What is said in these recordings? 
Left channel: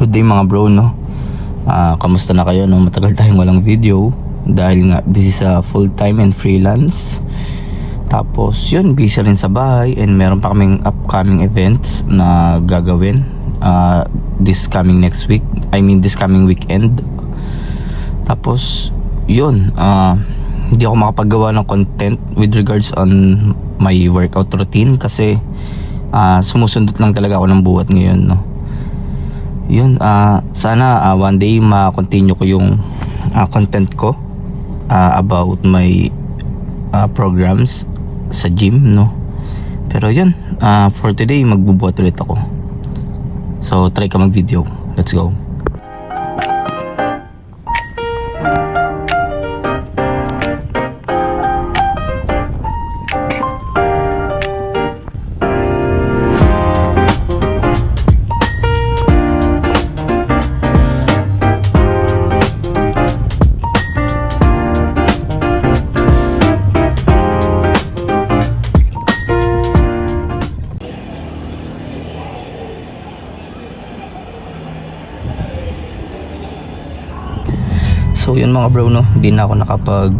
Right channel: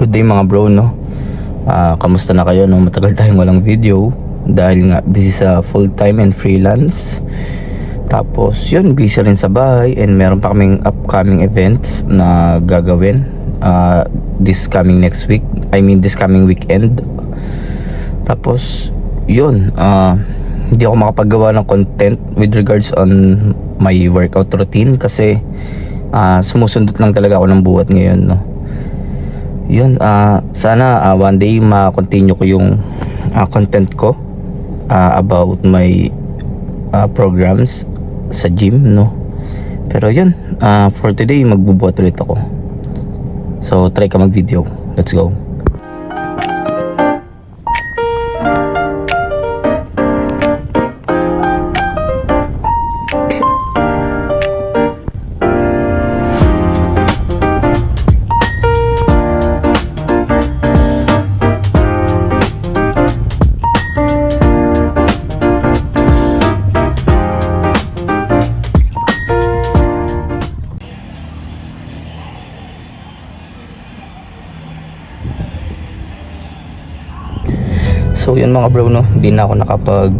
Good day mga bro, no? Kamusta na kayo, no? Matagal tayong walang video dahil nga busy sa full time and freelance. Tapos yun, busy rin sa bahay and meron pa kaming upcoming events na gagawin this coming next week. This coming weekend. Tapos yun, hindi ako makapagawa ng content with regards on my workout routine kasi sumusundot lang talaga ako ng buhat ngayon, no? Yun, sana one day ma-continue ko yung content ko about my programs sa gym, no? Pero yun, for today magbubuhat ulit ako. So try ka mag-video. Let's go. So yun mga bro, no, hindi na ako nakapag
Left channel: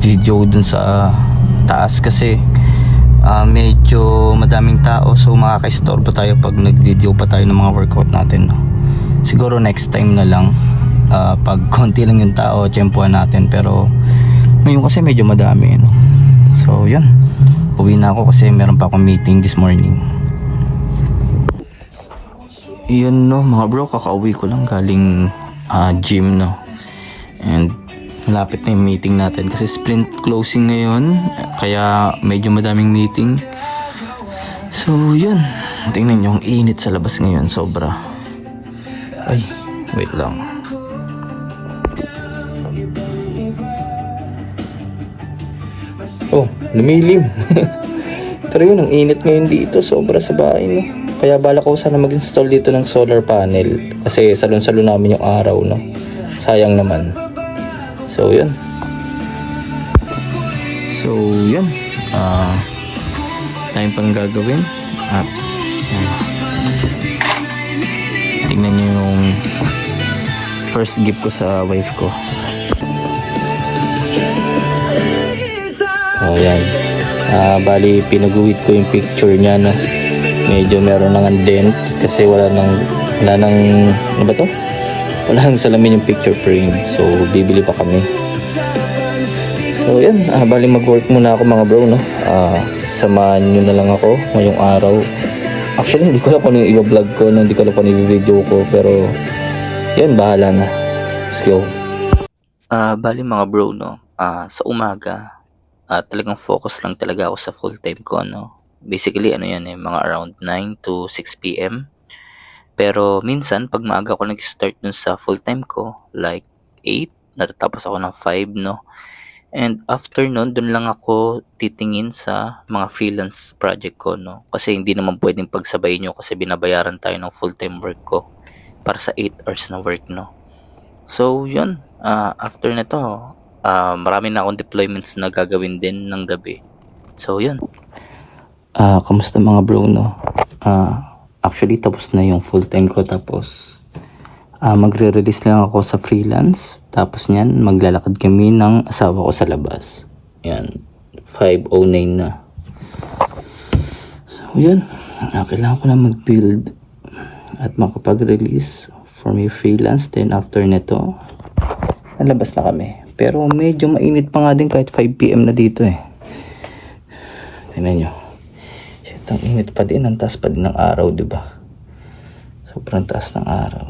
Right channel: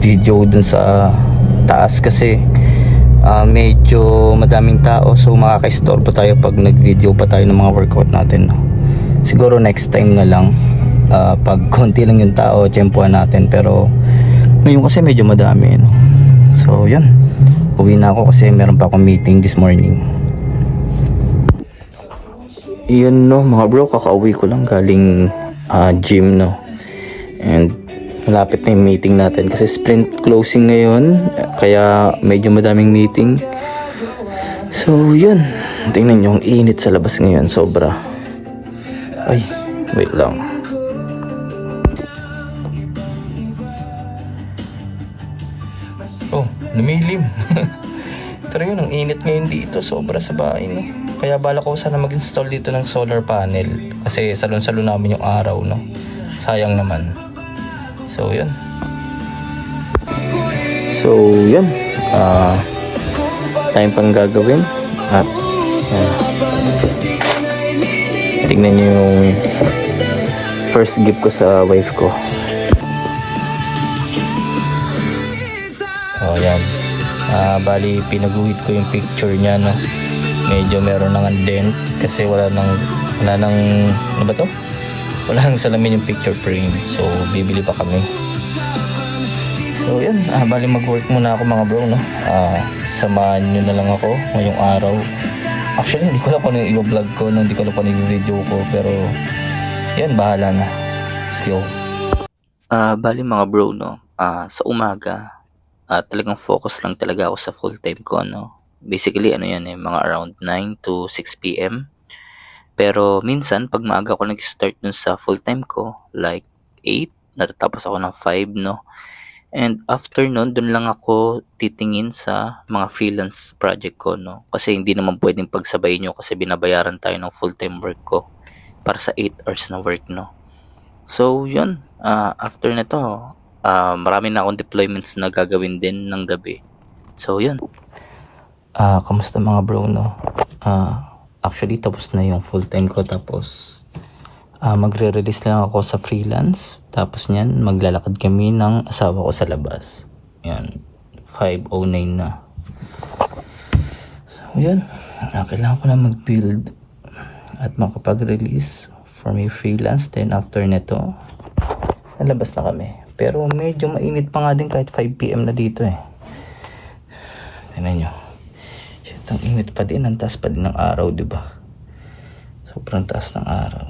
video dun sa taas kasi medyo madaming tao, so makaka-istorbo tayo pag nag video pa tayo ng mga workout natin, no? Siguro next time na lang, pag konti lang yung tao, tiyempuhan natin, pero ngayon kasi medyo madami, no? So yun, uwi na ako kasi meron pa akong meeting this morning. Yun, no mga bro, kakauwi ko lang galing gym, no? And malapit na yung meeting natin kasi sprint closing ngayon, kaya medyo madaming meeting. So yun, tingnan nyo, ang init sa labas ngayon, sobra. Ay, wait lang. Oh, lumilim. Pero yun, ang init ngayon dito, sobra sa bahay, no? Kaya bala ko sana mag-install dito ng solar panel kasi salon-salon namin yung araw, no? Sayang naman. So yun. Time pang gagawin. At tingnan nyo yung first gift ko sa wife ko. Ayan. Bali pinaguhit ko yung picture niya, no? Medyo meron ng dent kasi wala nang ano ba to? Wala nang salamin yung picture frame, so bibili pa kami. So yan, bali mag-work muna ako mga bro, no? Samahan nyo na lang ako ngayong araw. Actually hindi ko alam paano yung i-vlog ko, no? Hindi ko alam paano yung video ko, pero yan, bahala na. Let's go. Bali mga bro, no? Sa umaga talagang focus lang talaga ako sa full time ko, no? Basically ano yan, mga around 9 to 6 PM. Pero minsan pag maaga ako nag-start dun sa full time ko, like 8, natatapos ako ng 5, no? And after nun, dun lang ako titingin sa mga freelance project ko, no? Kasi hindi naman pwedeng pagsabayin nyo kasi binabayaran tayo ng full time work ko para sa 8 hours na work, no? So yun, after na to, marami na akong deployments na gagawin din ng gabi. So yun. Kamusta mga bro, no? Actually tapos na yung full time ko, tapos magre-release lang ako sa freelance, tapos nyan maglalakad kami ng asawa ko sa labas. Yan, 5:09 na. So yun, kailangan ko na mag-build at makapag-release for my freelance. Then after nito, nalabas na kami, pero medyo mainit pa nga din kahit 5 PM na dito eh. Tingnan nyo, ang init pa din, ang taas pa din ng araw, diba? Sobrang taas ng araw.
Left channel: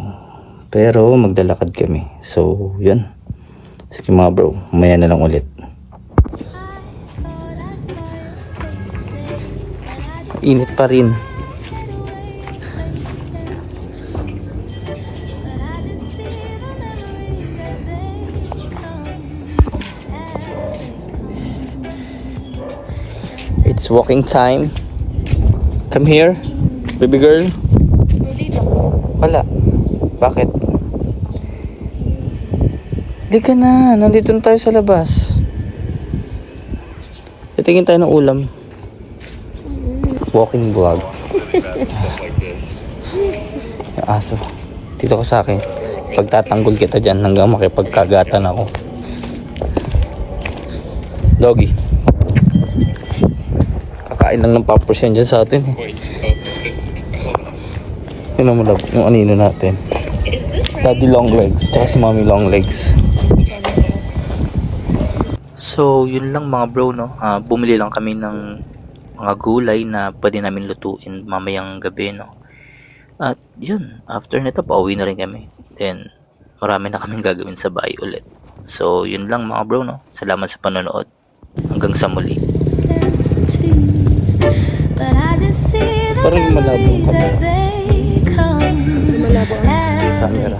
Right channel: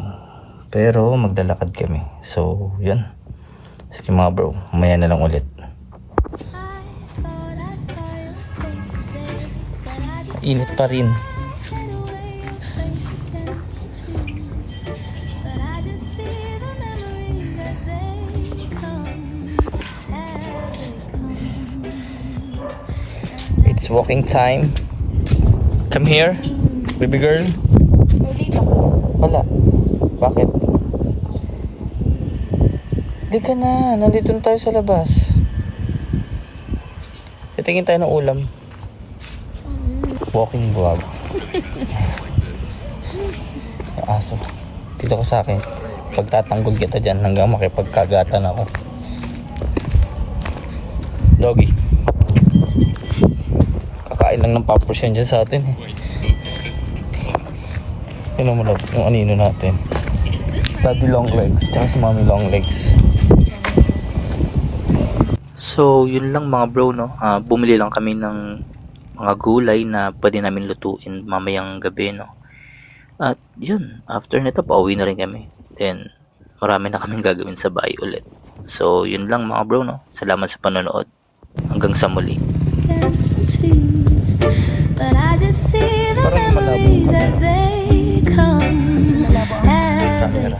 Pero maglalakad kami. So, yun. Sige mga bro, mamaya na lang ulit. Init pa rin. It's walking time. Come here, baby girl. Wala. Bakit? Di ka na. Nandito na tayo sa labas. Titingin tayo ng ulam. Walking vlog. Yung aso. Dito ka sa akin. Pagtatanggol kita dyan hanggang makipagkagatan ako. Doggy. Kakain lang ng pampers yan dyan sa atin. Yun naman love, yung anino natin. Daddy long legs, tsaka si mommy long legs. So, yun lang mga bro, no? Bumili lang kami ng mga gulay na pwede namin lutuin mamayang gabi, no? At yun, after nito, pauwi na rin kami. Then, marami na kaming gagawin sa bahay ulit. So, yun lang mga bro, no? Salamat sa panonood. Hanggang sa muli. Against the trees, but I just see the memories as they come, as they